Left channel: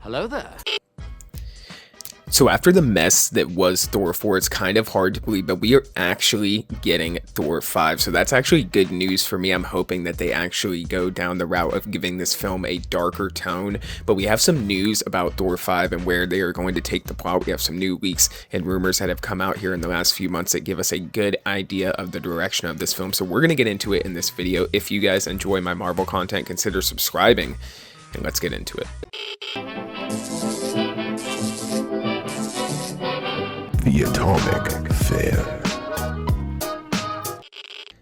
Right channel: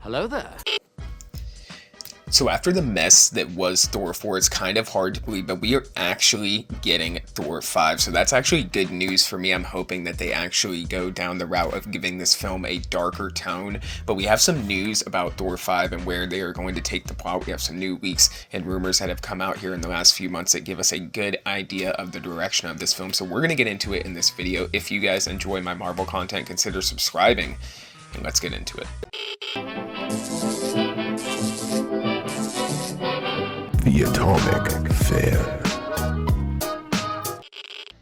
Hello there. So after the mess that was Thor 4, it's kind of hard to believe, but we are actually getting Thor 5. So that's actually good news for me. I'm hoping that they actually go down the route of giving this film a darker tone. But we have some news about Thor 5 and where they are going to take the plot. We have some new leaks and rumors that have come out here in the last few months that give us a good idea of the direction of this film. So we're going to get into it in this video. If you guys enjoy my Marvel content, consider subscribing, and let's get into it. The Atomic Fair.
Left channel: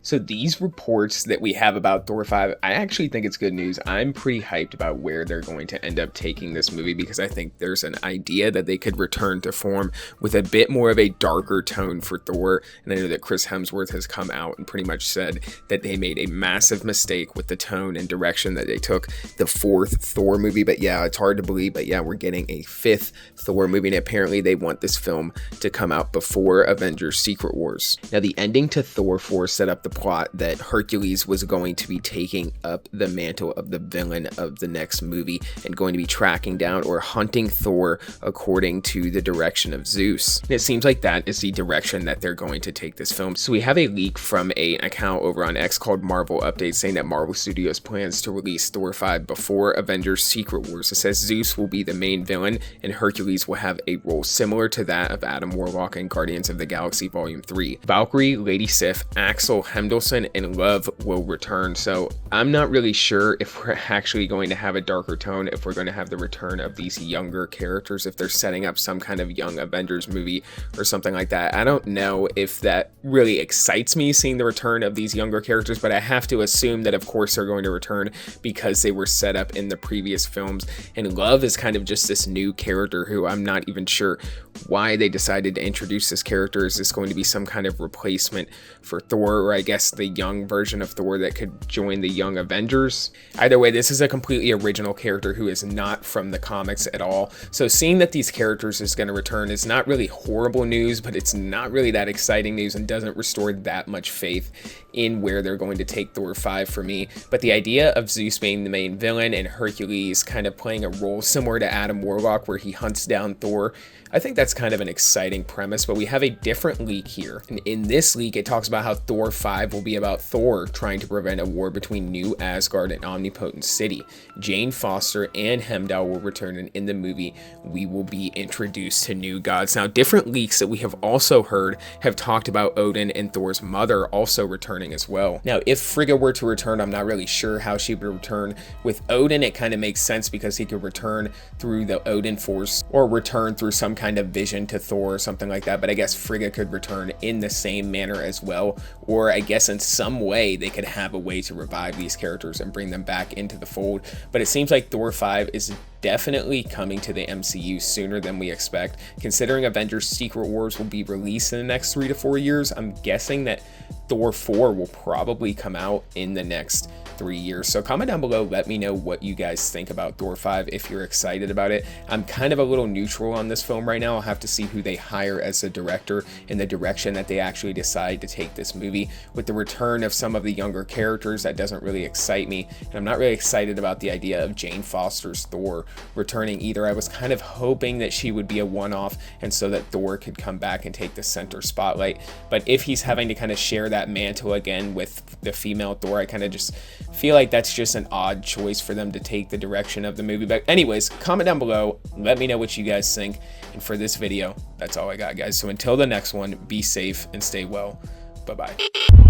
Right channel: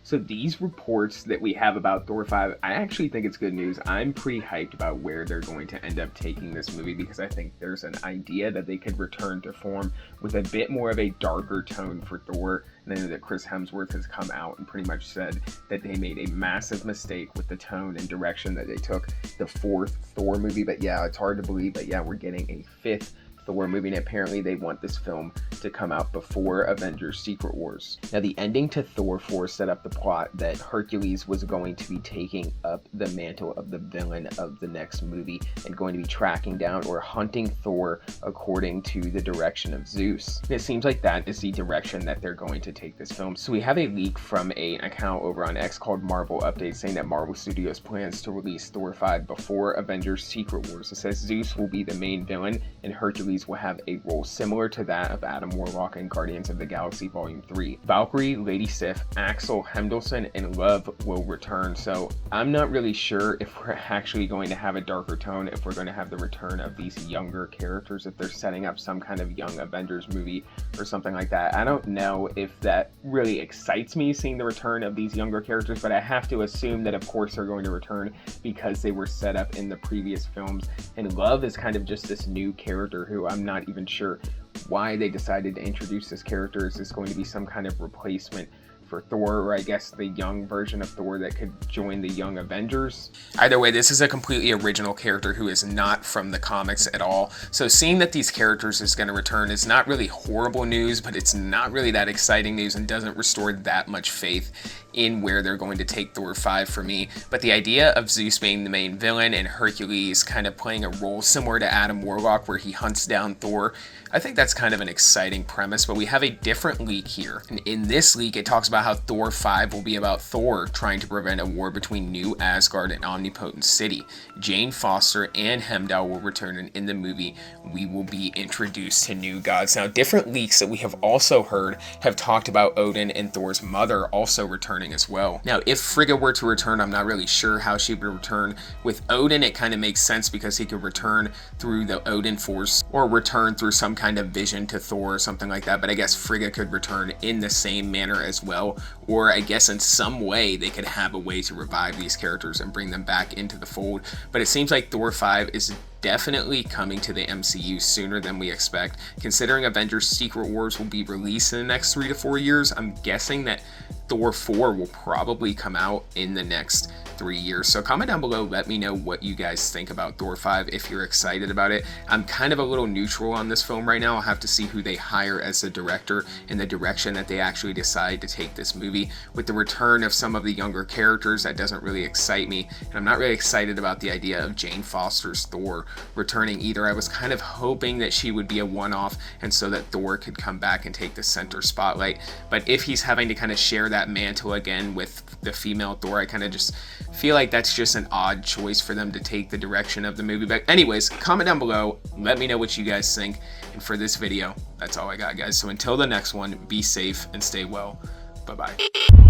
So these reports that we have about Thor 5, I actually think it's good news. I'm pretty hyped about where they're going to end up taking this movie because I think there's an idea that they could return to form with a bit more of a darker tone for Thor. And I know that Chris Hemsworth has come out and pretty much said that they made a massive mistake with the tone and direction that they took the 4th Thor movie. But yeah, it's hard to believe, but yeah, we're getting a 5th Thor movie, and apparently they want this film to come out before Avengers Secret Wars. Now the ending to Thor 4 set up the plot that Hercules was going to be taking up the mantle of the villain of the next movie and going to be tracking down or hunting Thor according to the direction of Zeus. And it seems like that is the direction that they're going to take this film. So we have a leak from an account over on X called Marvel Updates saying that Marvel Studios plans to release Thor 5 before Avengers Secret Wars. It says Zeus will be the main villain and Hercules will have a role similar to that of Adam Warlock in Guardians of the Galaxy Volume 3. Valkyrie, Lady Sif, Axel Hendelson, and Love will return. So I'm not really sure if we're actually going to have a darker tone, if we're going to have the return of these younger characters, if they're setting up some kind of young Avengers movie or something like that. I don't know if that really excites me, seeing the return of these younger characters, but I have to assume that of course they're going to return because they were set up in the previous films. And Love is kind of just this new character who I'm not even sure why they decided to introduce this character. Is this going to be some kind of replacement for Thor, or I guess the young version of Thor that could join the young Avengers? Either way, this is a completely original character who is not from the comics at all. So seeing that these characters is going to return is not really horrible news, but it's not really that exciting news and doesn't restore that much faith in where they're going to take Thor 5 for me. But the idea of Zeus being the main villain and Hercules kind of playing a role similar to Adam Warlock where he hunts down Thor, I think that's kind of an exciting premise. But we have a different leak here, and in this leak it talks about how Thor 5 will be about Thor trying to prevent a war between New Asgard and Omnipotent City. Jane Foster and Heimdall will return, and in the movie we will be introduced to new gods. Now different leaks that we have also heard have talked about Odin and Thor's mother also returning as well. Now if Frigga were to return, I'm not really sure how she would return. With Odin it kind of makes sense because he could return through the Odin Force or return through some kind of vision to Thor or something like that, but I guess Frigga could return in the same manner as well, or I guess in some way they could have a way to revive these characters and bring them back into the fold. But it seems like Thor 5 is definitely coming to the MCU sooner than we expect. Considering Avengers Secret Wars will be released in the next 3 to 4 years, I'm guessing that Thor 4 will probably come out in the next 3 years. So comment down below, let me know what you guys think about Thor 5, if you're excited about it. I'm kind of a little neutral on this film right now. I'll have to see who they hire as the director and the direction that they actually decide to take this movie. With the return of some of the younger characters, that doesn't really excite me, and I'm not really excited about the idea of Jane Foster's Thor returning either. I was kind of hoping that she would be a one-off and so that Thor could come back and take the center spotlight. But if he's having to kind of share that mantle again with the female Thor, I kind of just feel like that's just an odd choice for them to take the direction of the movie. But anyways, comment down below, let me know what you guys think. And for this video, that's all I got, guys. So until the next one, be safe and stay well. Bye-bye.